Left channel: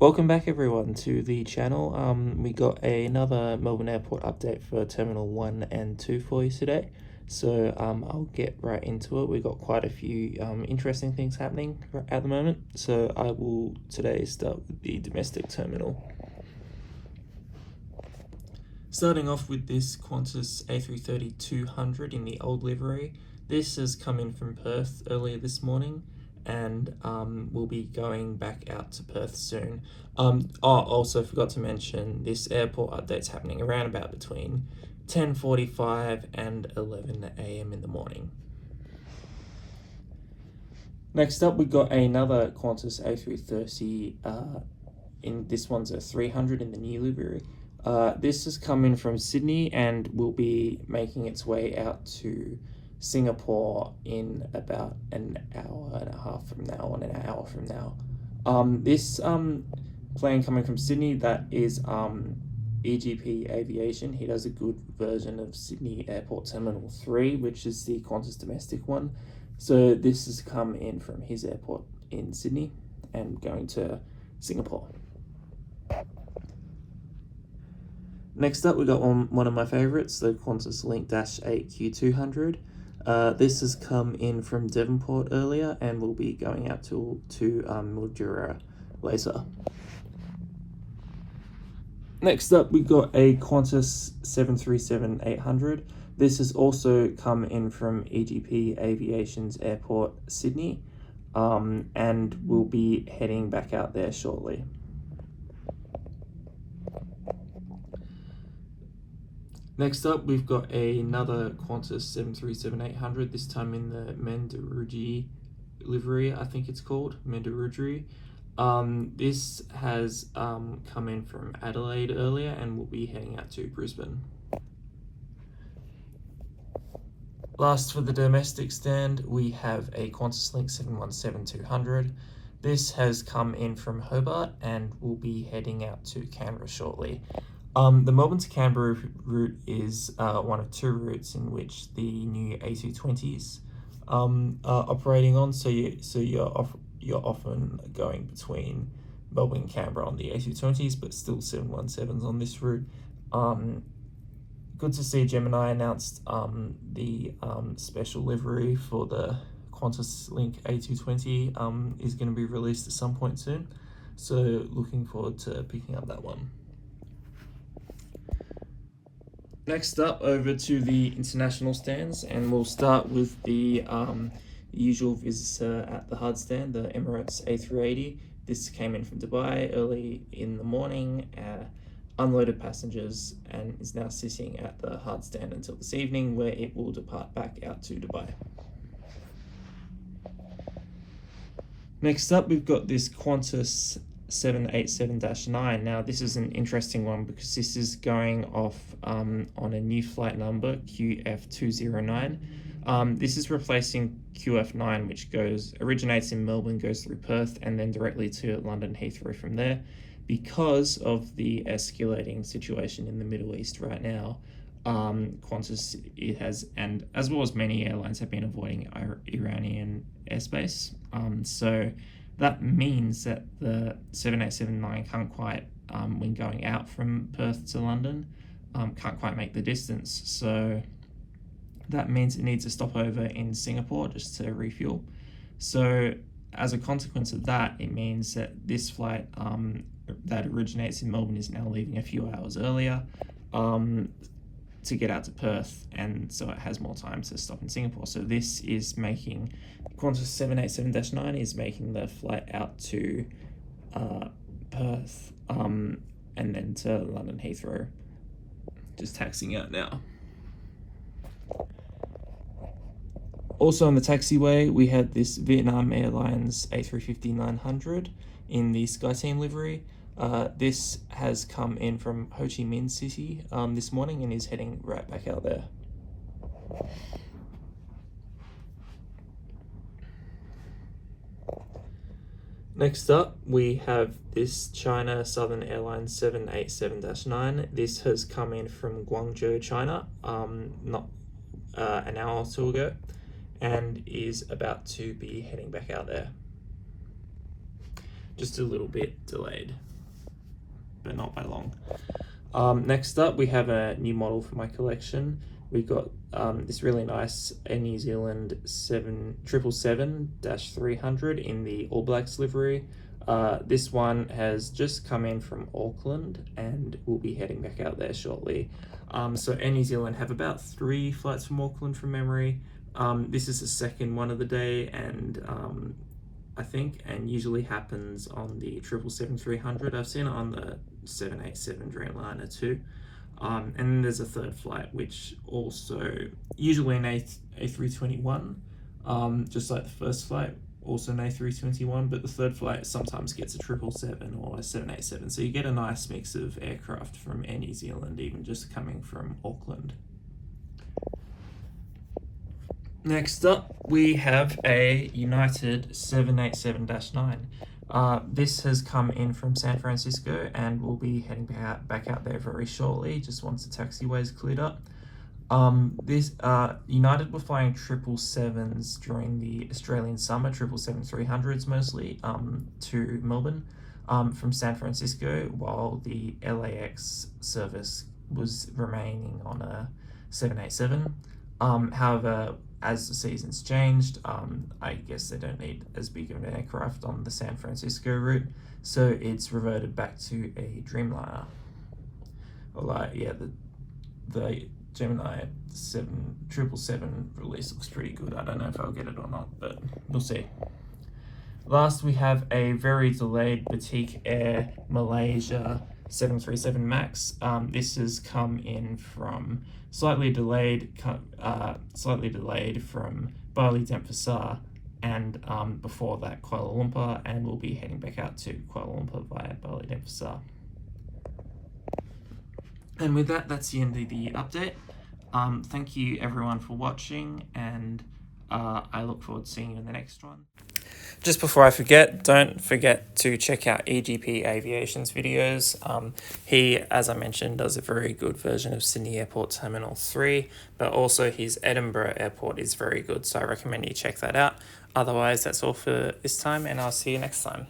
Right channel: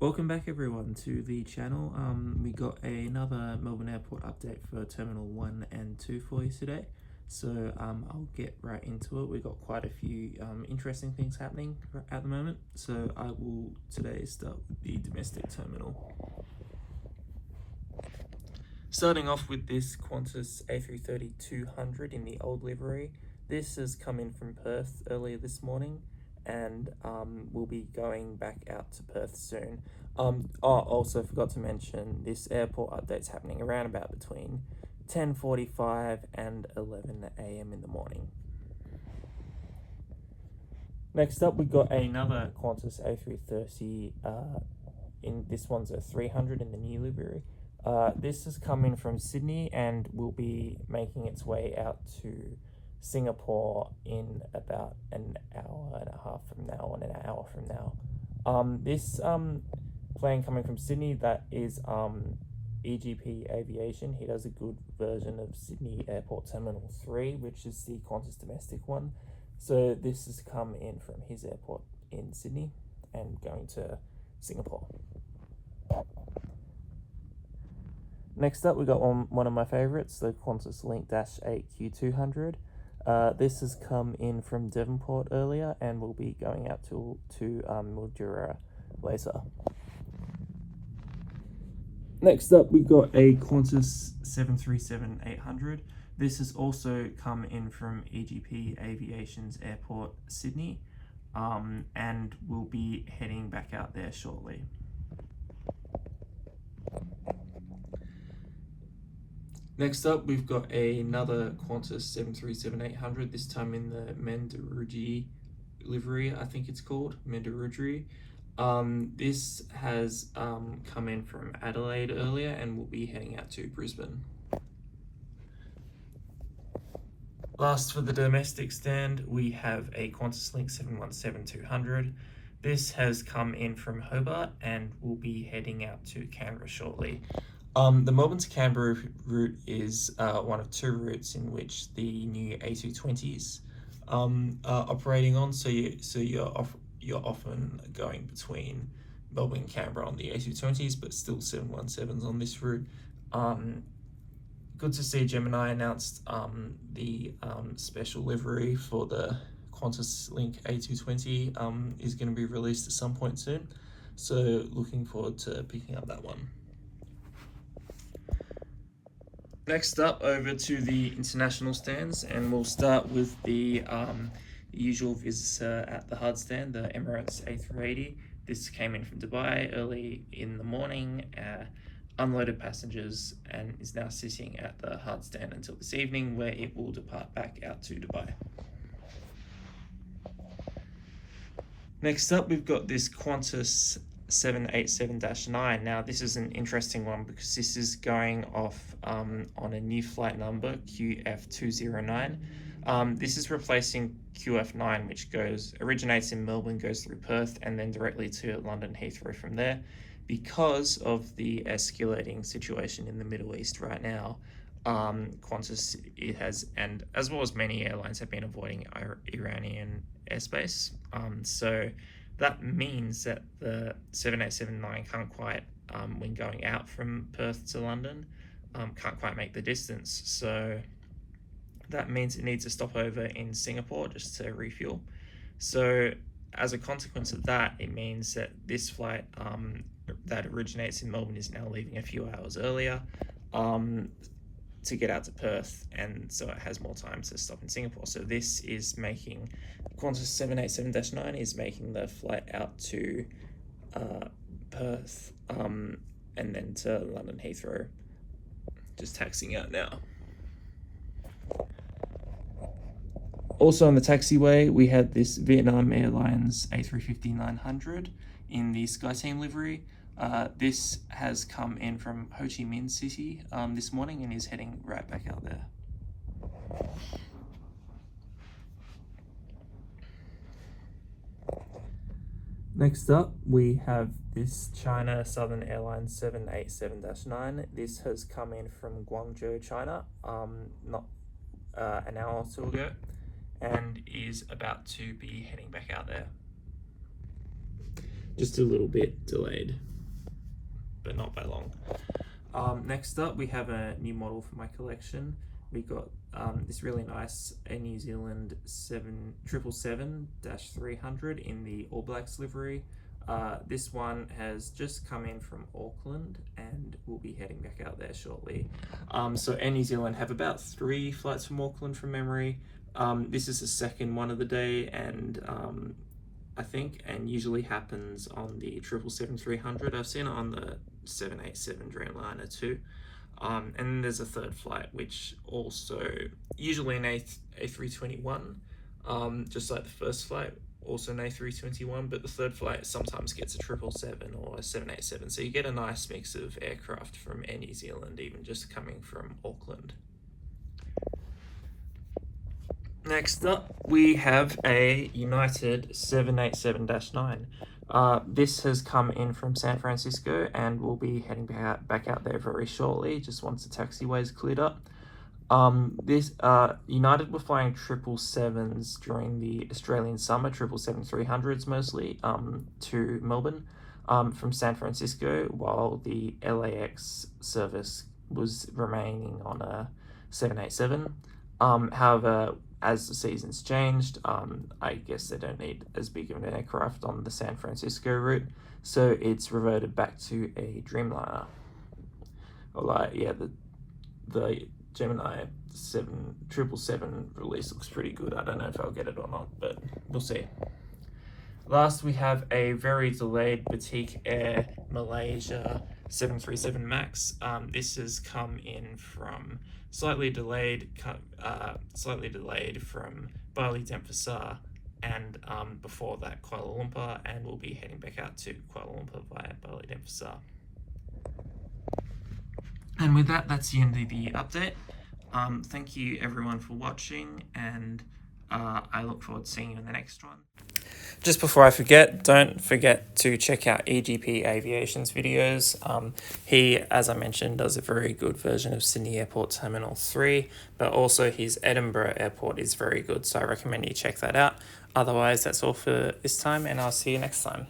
Welcome back everyone to the channel. We got another Melbourne Airport update for Terminal 1 and 2 for you today. So I'll get right into it. We've got quite a few interesting things happening at the moment. So I will today start with the domestic terminal. Starting off with this Qantas A330-200 in the old livery. This has come in from Perth earlier this morning and we'll be going back out to Perth soon. I also forgot to mention this airport update's happening around about between 10:45 and 11 a.m. in the morning. Next up, we've got another Qantas A330, this one's a 300 in the new livery. This has come in from Sydney and will be making its way out to Singapore in about an hour and a half from now, and an hour from now. This plane coming from Sydney, that is EGP Aviation. He does a good version of Sydney Airport Terminal 3, which is the Qantas domestic one. So this has come in from his airport in Sydney and going to Singapore. Next up, we got one of my favourites, the Qantas Link-8Q200. This has come in from Devonport earlier and will be going out to Mildura later. Next up, we got a Qantas 737-800. This has also come in from EGP Aviation's Airport, Sydney, and will be heading back out there shortly. Next up, we've got another Qantas 737-800, this time in the Mandarudji livery, I think it's called, Mandarudji. This has come in from Adelaide earlier and will be heading out to Brisbane. Last for the domestic stand, we have a Qantas Link 717-200. This has come in from Hobart and will be heading out to Canberra shortly. The Melbourne to Canberra route is one of two routes in which the new A220s are operating on. So you're often going between Melbourne and Canberra on the A220s, but still 717s on this route. Good to see Gemini announced the special livery for the Qantas Link A220 is going to be released at some point soon. So looking forward to picking up that one. Next up, over to the international stands, and we'll start with the usual visitor at the hard stand, the Emirates A380. This came in from Dubai early in the morning, unloaded passengers, and is now sitting at the hard stand until this evening, where it will depart back out to Dubai. Next up, we've got this Qantas 787-9. Now this is an interesting one because this is going off on a new flight number, QF209. This is replacing QF9, which originates in Melbourne, goes through Perth, and then directly to London Heathrow from there. Because of the escalating situation in the Middle East right now, Qantas and as well as many airlines, have been avoiding Iranian airspace. So that means that the 787-9 can't quite, when going out from Perth to London, can't quite make the distance. So that means it needs a stopover in Singapore just to refuel. So as a consequence of that, it means that this flight that originates in Melbourne is now leaving a few hours earlier to get out to Perth, and so it has more time to stop in Singapore. So this is making Qantas 787-9 is making the flight out to Perth and then to London Heathrow, just taxiing out now. Also on the taxiway, we had this Vietnam Airlines A350-900 in the SkyTeam livery. This has come in from Ho Chi Minh City this morning and is heading right back out there. Next up, we have this China Southern Airlines 787-9. This has come in from Guangzhou, China, not an hour or two ago, and is about to be heading back out there. Just a little bit delayed. but not by long. Next up, we have a new model for my collection. We've got this really nice Air New Zealand 777-300 in the All Blacks livery. This one has just come in from Auckland and we'll be heading back out there shortly. So Air New Zealand have about 3 flights from Auckland from memory. This is the second one of the day, and I think, and usually happens on the 777-300. I've seen it on the 787 Dreamliner too. And then there's a third flight, which also usually an A321, just like the first flight, also an A321, but the third flight sometimes gets a 777 or a 787. So you get a nice mix of aircraft from Air New Zealand, even just coming from Auckland. Next up, we have a United 787-9. This has come in from San Francisco and we'll be heading back out there very shortly, just once the taxiway's cleared up. United were flying 777s during the Australian summer, 777-300s mostly, to Melbourne from San Francisco, while the LAX service was remaining on a 787. However, as the season's changed, I guess they don't need as big of an aircraft on the San Francisco route, so it's reverted back to a Dreamliner. The Gemini 777 release looks pretty good. I don't know if I'll get it or not, but we'll see. Last, we have a very delayed Batik Air Malaysia 737 MAX. This has come in from slightly delayed from Bali Denpasar, and before that Kuala Lumpur, and we'll be heading back out to Kuala Lumpur via Bali Denpasar. And with that, that's the end of the update. Thank you everyone for watching, and I look forward to seeing you in the next one. Just before I forget, don't forget to check out EGP Aviation's videos. He, as I mentioned, does a very good version of Sydney Airport Terminal 3, but also his Edinburgh Airport is very good, so I recommend you check that out. Otherwise, that's all for this time, and I'll see you next time.